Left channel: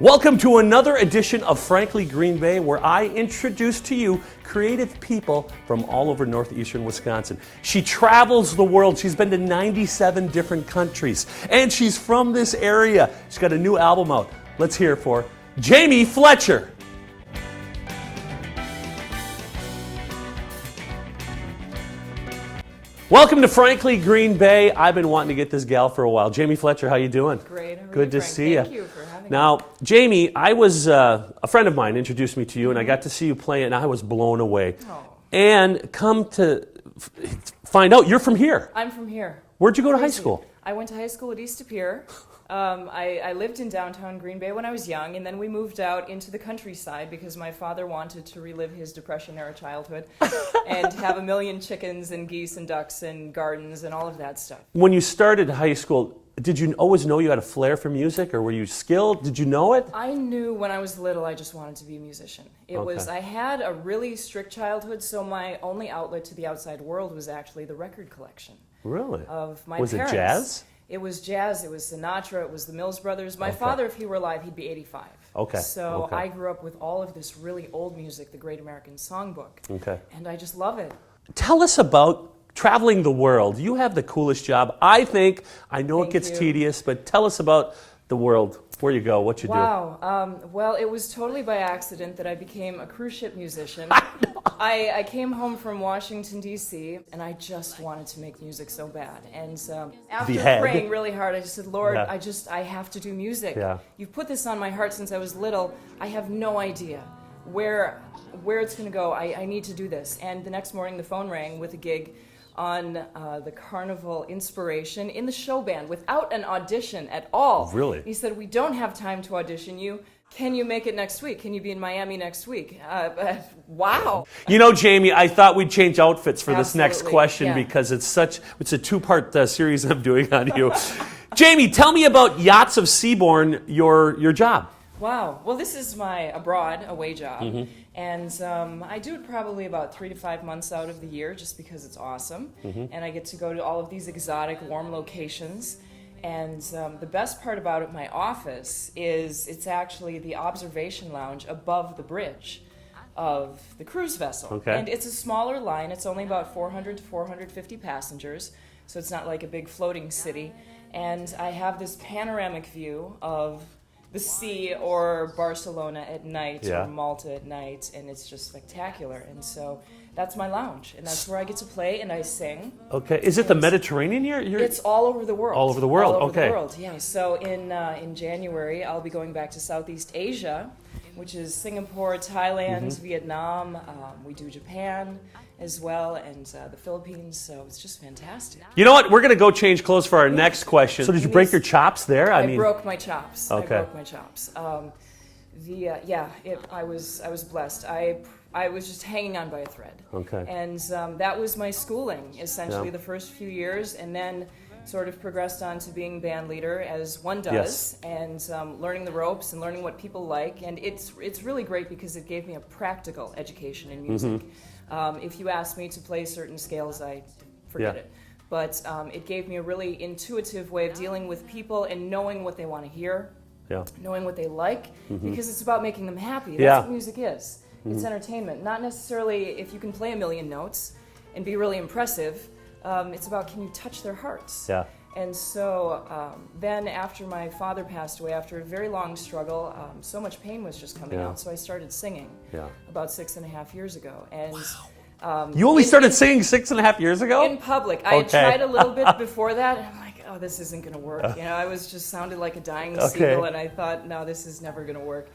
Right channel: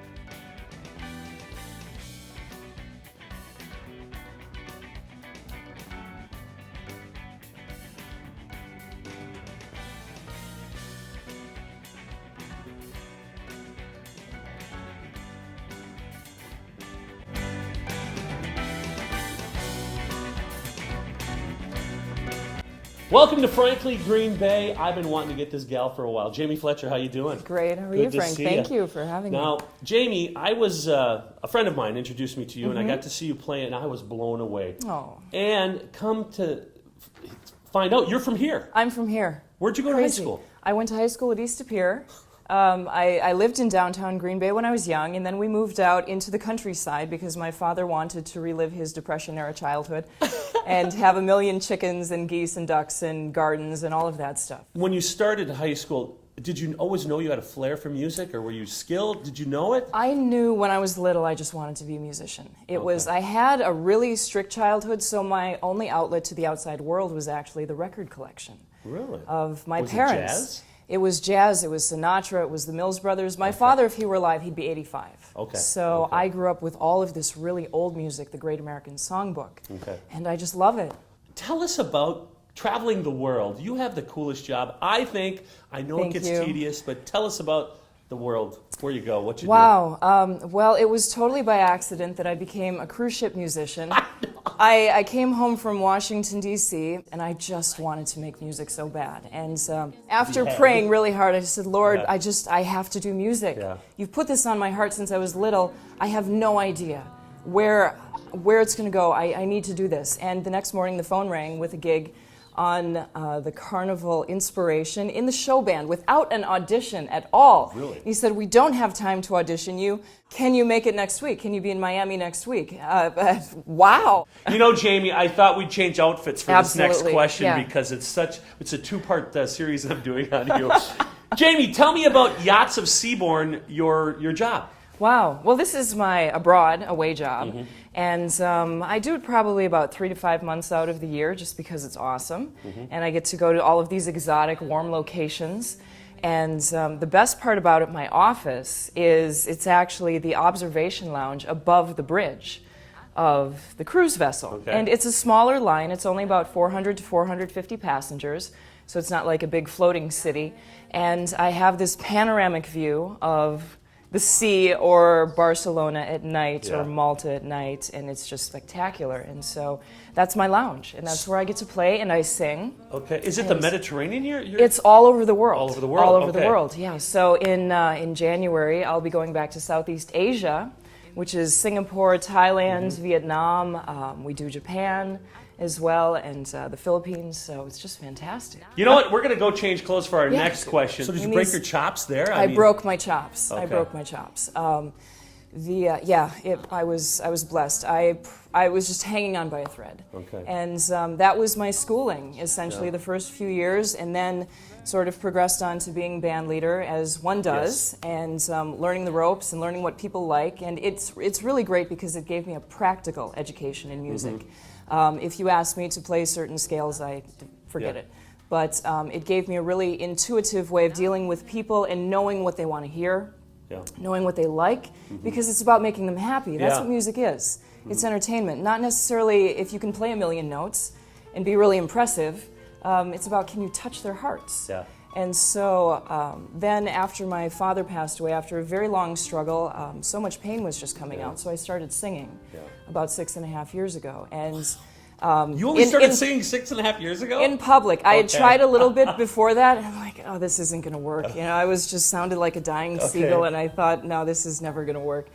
Welcome to another edition of Frankly Green Bay, where I introduce to you creative people from all over northeastern Wisconsin. She travels the world. She's been to 97 different countries, and she's from this area. She's got a new album out. Let's hear it for Jamie Fletcher. Welcome to Frankly Green Bay. I've been wanting to get this gal for a while. Jamie Fletcher, how you doing? Great. How are you, Good to Frank? see you. Thank you for having me. Now, Jamie, I was a friend of mine introduced me to you, and I got to see you play, and I was blown away. Oh. And come to find out, you're from here. I'm from here. Where'd you go to high Crazy. school? I went to high school at East Pier. I lived in downtown Green Bay when I was young, and then we moved out into the countryside because my father wanted to relive his Depression-era childhood and have a million chickens and geese and ducks and gardens and all of that stuff. When you started high school, did you always know you had a flair for music, or were you skilled? Did you know it? I knew when I was little I just wanted to be a musician. I had a really strict childhood, so my only outlet to the outside world was actually the record collection. Really? Of my Was parents. it jazz? It was jazz, it was Sinatra, it was the Mills Brothers. My father, if he were alive, he'd be 85. Okay. So Okay. I grew up with all of this really old music, the Great American Songbook. Okay. And I just love it. Tell us about traveling the world. You have the coolest job. I think, I know it Thank gets you. tedious, but tell us about the world. Where you go, what you do. Wow. Well, it was totally by accident that I became a cruise ship musician. I came home from Washington, D.C., and I just wanted to make music so bad. And after head. praying really hard, I said, Lord, Yeah. I have to do music. Yeah. You've put this on my heart since I was little. I have no idea where it's going to go. I need to do this. And the next morning, the phone rang with a gig on the Carnival Inspiration in the show band without an audition at all. Really? He said, we don't have time to audition you. Can you make it next week? Can you be in Miami next week? Wow. You know, Jamie, I thought we'd change outfits for this next Absolutely, question yeah. because it's a two-part series I'm doing on you. Jamie, tell me about Yachts of Seabourn, your job. Wow. Well, this is my away job. And I do it probably about 3 to 5 months out of the year just because it's awesome. And I get to go to all of these exotic, warm locations. And the best part about my office is it's actually the observation lounge above the bridge of the cruise vessel. Okay. And it's a smaller line. It's only about 400 to 450 passengers, so it's not like a big floating city. And I have this panoramic view of the sea or Barcelona at night Yeah. or Malta at night, and it's just spectacular. And so that's my lounge, and that's where I get to play and I sing. Okay. Is it the Mediterranean here? It's all over the world. All over the world, All over okay. the world, yeah. So in January, I'll be going back to Southeast Asia, which is Singapore, Thailand, Vietnam. We do Japan as well, and the Philippines. So it's just fantastic. You know what? We're going to go change clothes for our next question. So did you break your chops there? I broke my chops. Okay. I broke my chops. I was blessed. I was just hanging on by a thread. Okay. And that was my schooling, essentially, Yeah. the first few years, and then sort of progressed on to being band leader, as one does, and learning the ropes and learning what people like. And it's really great because it gave me a practical education in music. If you ask me to play certain scales, I forget Yeah. it. But it gave me a really intuitive way of dealing with people and knowing what they want to hear, Yeah. knowing what they like, because it's about making them happy. That's Yeah. what music is. It's entertainment. Not necessarily if you can play a million notes and be really impressive. It's about, can you touch their hearts? Yeah. And so then after my father passed away, after a very long struggle, so much pain was just coming Yeah. out, so I started singing Yeah. about 6.5 years ago. And You only started singing 6.5 years ago? in public. I had Okay. tried a little bit before that, and I'm like, oh, this isn't going to work. You know, I was just sounded like a dying seagull, and I thought, no, this is never going to work.